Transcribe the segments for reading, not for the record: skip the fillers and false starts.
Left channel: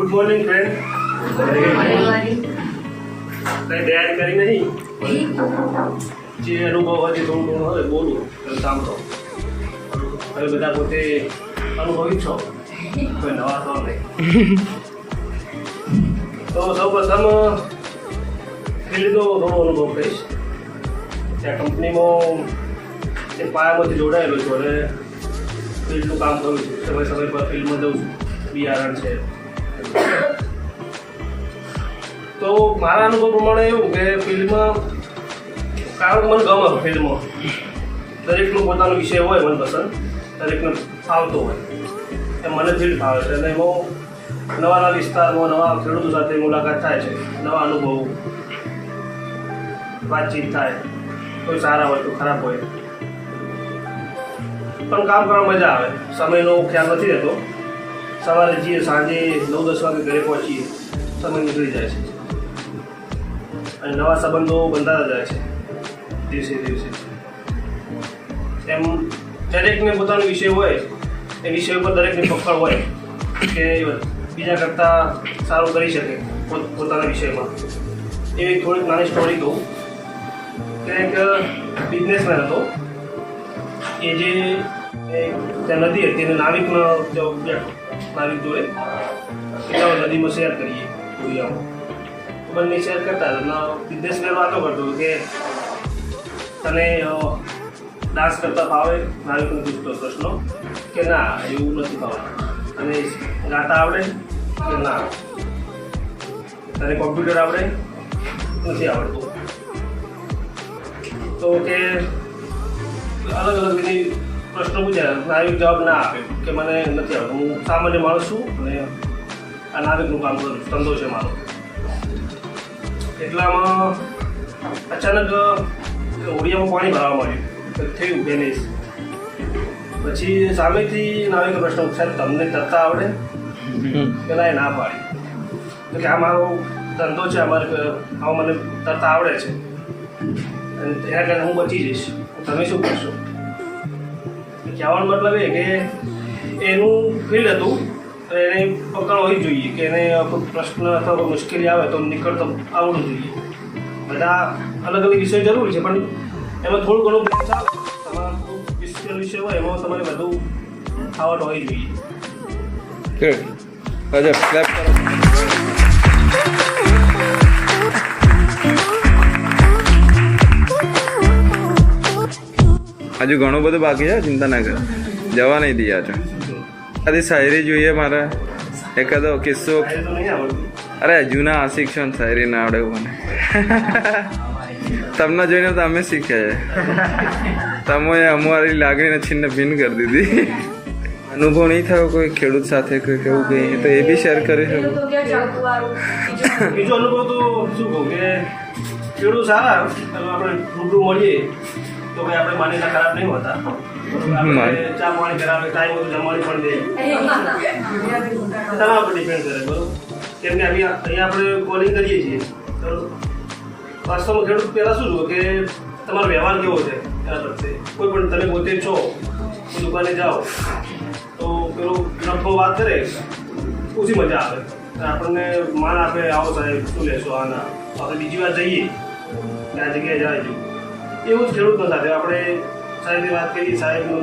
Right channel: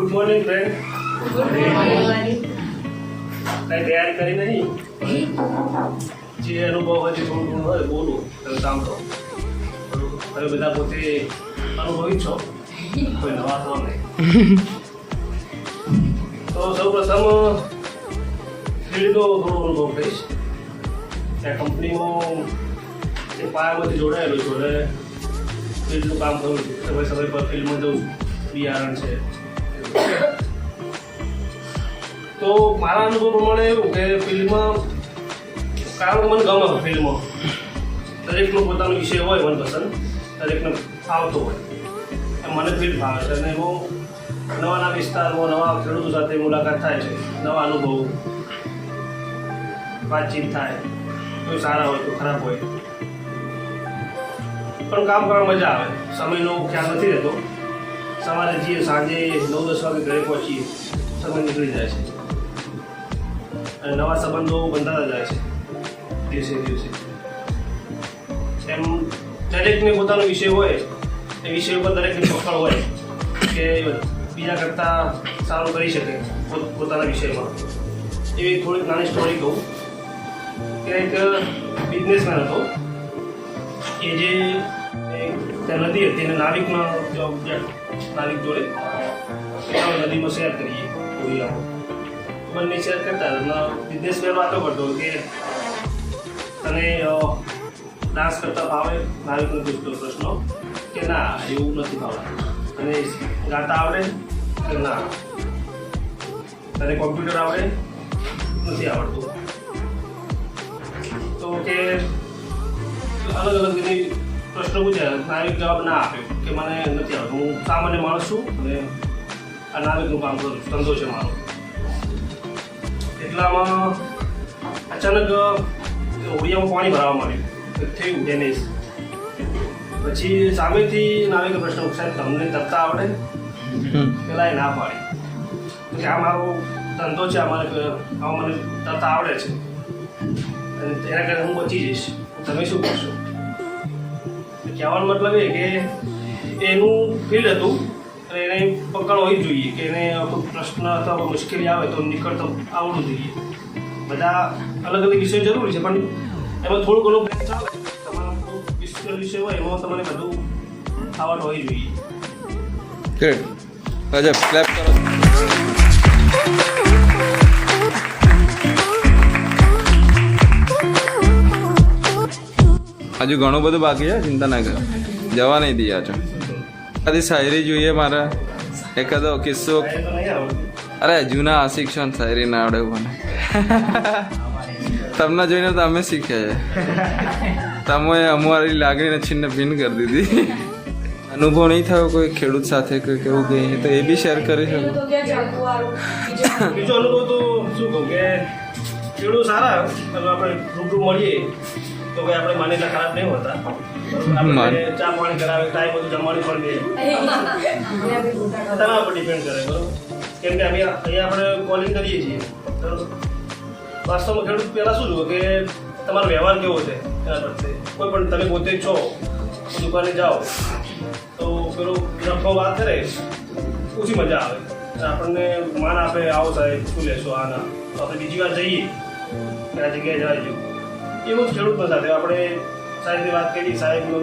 Good morning friend. Morning. કઈ તૈયારી કરી નહીં? જે અનુભવ હોય તે થોડું હોય બોલું કામ તો હવે બધા પોતે અનુભવી છો, કોઈ નવા તો નહીં. તો સૌ પ્રથમ ફિલ્ડનો થોડો અનુભવ કહીશ. ત્યાં કંપનીમાં એ પાયામાંથી જોડાયેલો છું અને ફિલ્ડનું કામ કરું છું. સમય સમય પર ફિલ્ડમાં જઉં છું. બિયારણ છે. તો મારા અનુભવ પ્રમાણે એવું કે ફિલ્ડમાં કારણ મને ગમે ફિલ્ડમાં દરેકનો પોતાનો વિષય હોય મનપસંદ, દરેકને ફાવતો હોય. મને ફિલ્ડ ફાવે છે અને એમાં નવા વિસ્તારમાં નવા ખેડૂતો સાથે મુલાકાત થાય છે, નવા અનુભવો, વાતચીત થાય, કોઈ સારા હોય કોઈ ખરાબ હોય, પણ કામ કરવા મજા આવે. સમયનો ખ્યાલ નથી રહેતો. સવારે જઈએ, સાંજે 9-10 વાગે ઘરે પહોંચીએ, સમય નીકળી જાય છે અને નવા સંબંધો બંધાતા જાય છે દિવસે દિવસે. એમ દરેકને પોતાનો વિષય હોય, એ વિષય ઉપર દરેકની પકડ હોય કે બીજા કરતાં સારું કરી શકે પોતાના વિષયમાં. એવી થોડીક નાની સ્ટોરી કહું કે એક બિઝનેસમેન હતો. એ જે ત્યાં નદી હતી એને નાવિકનો જોબ, નાવિક જોડે નદીમાં શેર કરીએ દુનિયામાં. બંને શેર કરતા હતા. બિઝનેસમેન વાતો કરતો કે તને ડાન્સ કરતા ફાવે? નાવિકનો પૂછતો પ્રશ્નો કે ના એવું નથી ફાવતું. અને ગાતા આવડે કે ના? તને કોમ્પ્યુટર આવડે? નથી આવડતું. તો કે અલગ અલગ બધી પ્રશ્નો પૂછ્યા. નાવિક જવાબ ના આપે કે મને નથી આવડતું, હું સામાન્ય માણસ છું અને આ નાવિકનું કામ કરું, ધંધો છે મારો. એટલામાં અચાનક હોડિયામાં પાણી ભરાવા માંડ્યું. થયું ડેમેજ. પછી સામેથી નાવિક પ્રશ્ન સાહેબ તમને તરતા આવડે? પેલા એ ના પાડી કે આ મારો ધંધો છે, આમાં મને તરતા આવડે છે અને એના કારણે હું બચી જઈશ, તમે શું કરશો? કહેવાનો મતલબ એ કે એનું ફિલ્ડ હતું તો એને પકડ હોવી જ જોઈએ કે એને કોઈ પ્રશ્ન અથવા કોઈ મુશ્કેલી આવે તો નીકળતો આવડવું જોઈએ. બધા અલગ અલગ વિષય જરૂરી છે પણ એમાં થોડું ઘણું ચાલે. તમારા વિષય હોય એમાં તમારે બધું આવડ હોવી જોઈએ. અજબ, ક્લેપ કરો. હજુ ઘણું બધું બાકી છે, ચિંતા ના કરો, જવા નહીં દઈએ છો. આથી શાયરી જોઈએ મારે, એકાદો કિસ્સો. તો નહીં આવડતું. અરે જૂના આશિક છો ને શાયરી ના આવડે એવું મને. તમને જોઈને તો અમે શીખ્યા છે. તમે અમારી લાગણીને છિન્ન ભિન્ન કરી દીધી. અનુભવ નહીં થયો કોઈ ખેડૂત સાથે કોઈ કેવું કંઈ તો એ બી શેર કરી શકો. બીજો અનુભવ તો શું કહું કે ખેડૂત સારા, આપણે રૂબરૂ મળીએ તો ભાઈ આપણે માનીના ખરાબ નહીં હોતા. ચા પાણી કરાવે, ટાઈમ બધું જમવાની પણ દે, તમારા પર ડિપેન્ડ કરે. બરોબર? કેમ કે અહીંયા આપણે કોલિંગ કરીએ છીએ તો વાસ્તવમાં ખેડૂત પહેલાં શું જુઓ કે તમારો વ્યવહાર કેવો છે એના પ્રત્યે. કોઈ પણ તમે પોતે છો, દુકાને જાઓ તો પેલો નફો વાત કરે, ઓછી મજા આવે. આપણને માન આપે, આવો સાહેબ શું લેશો આના, તો આપણે બીજી વાર જઈએ કે આ જગ્યાએ જાય. એવું જ ખેડૂતનો સાથે આપણે સાહેબની વાત કરી, સાહેબનો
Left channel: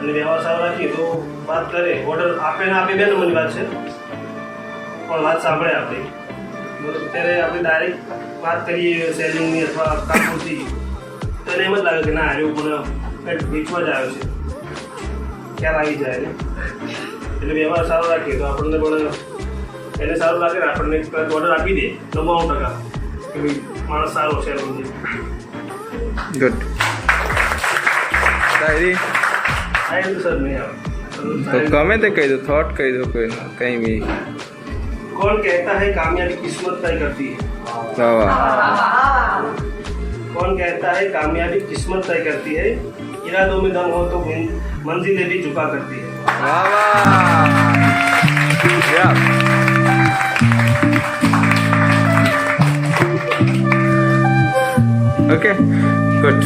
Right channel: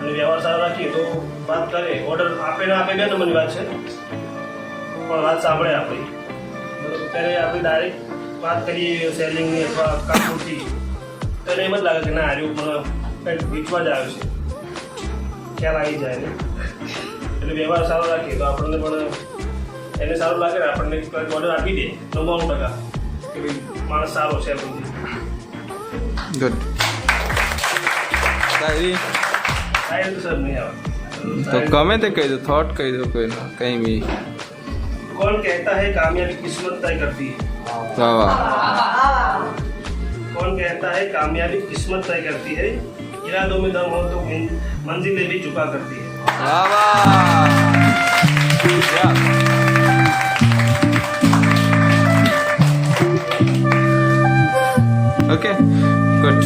અને વ્યવહાર સારો રાખીએ તો વાત કરે. ઓર્ડર આપે ના આપે બે નંબરની વાત છે, પણ વાત સાંભળે આપણી. ત્યારે આપણે ડાયરેક્ટ વાત કરીએ સેલિંગની અથવા કામથી, તો એને એમ જ લાગે કે ના આર્યું પણ કંઈક વેચવા જ આવ્યો છે, ખ્યાલ આવી જાય. એટલે વ્યવહાર સારો રાખીએ તો આપણને પણ એને સારું લાગે ને આપણને ઓર્ડર આપી દે 99% કે ભાઈ માણસ સારો છે. ગુડ. શાયરી સર નહીં આવે તો ગમે તે કહી દો, થોટ કહી દો, કોઈ કંઈ બી. कौन कहता है कामयाबी किस्मत तय करती है? વાહ વાહ. कौन कहता है कामयाबी किस्मत तय करती है? इरादों में दम हो तो मंजिलें भी झुका करती है. વાહ વાહ. Okay, good.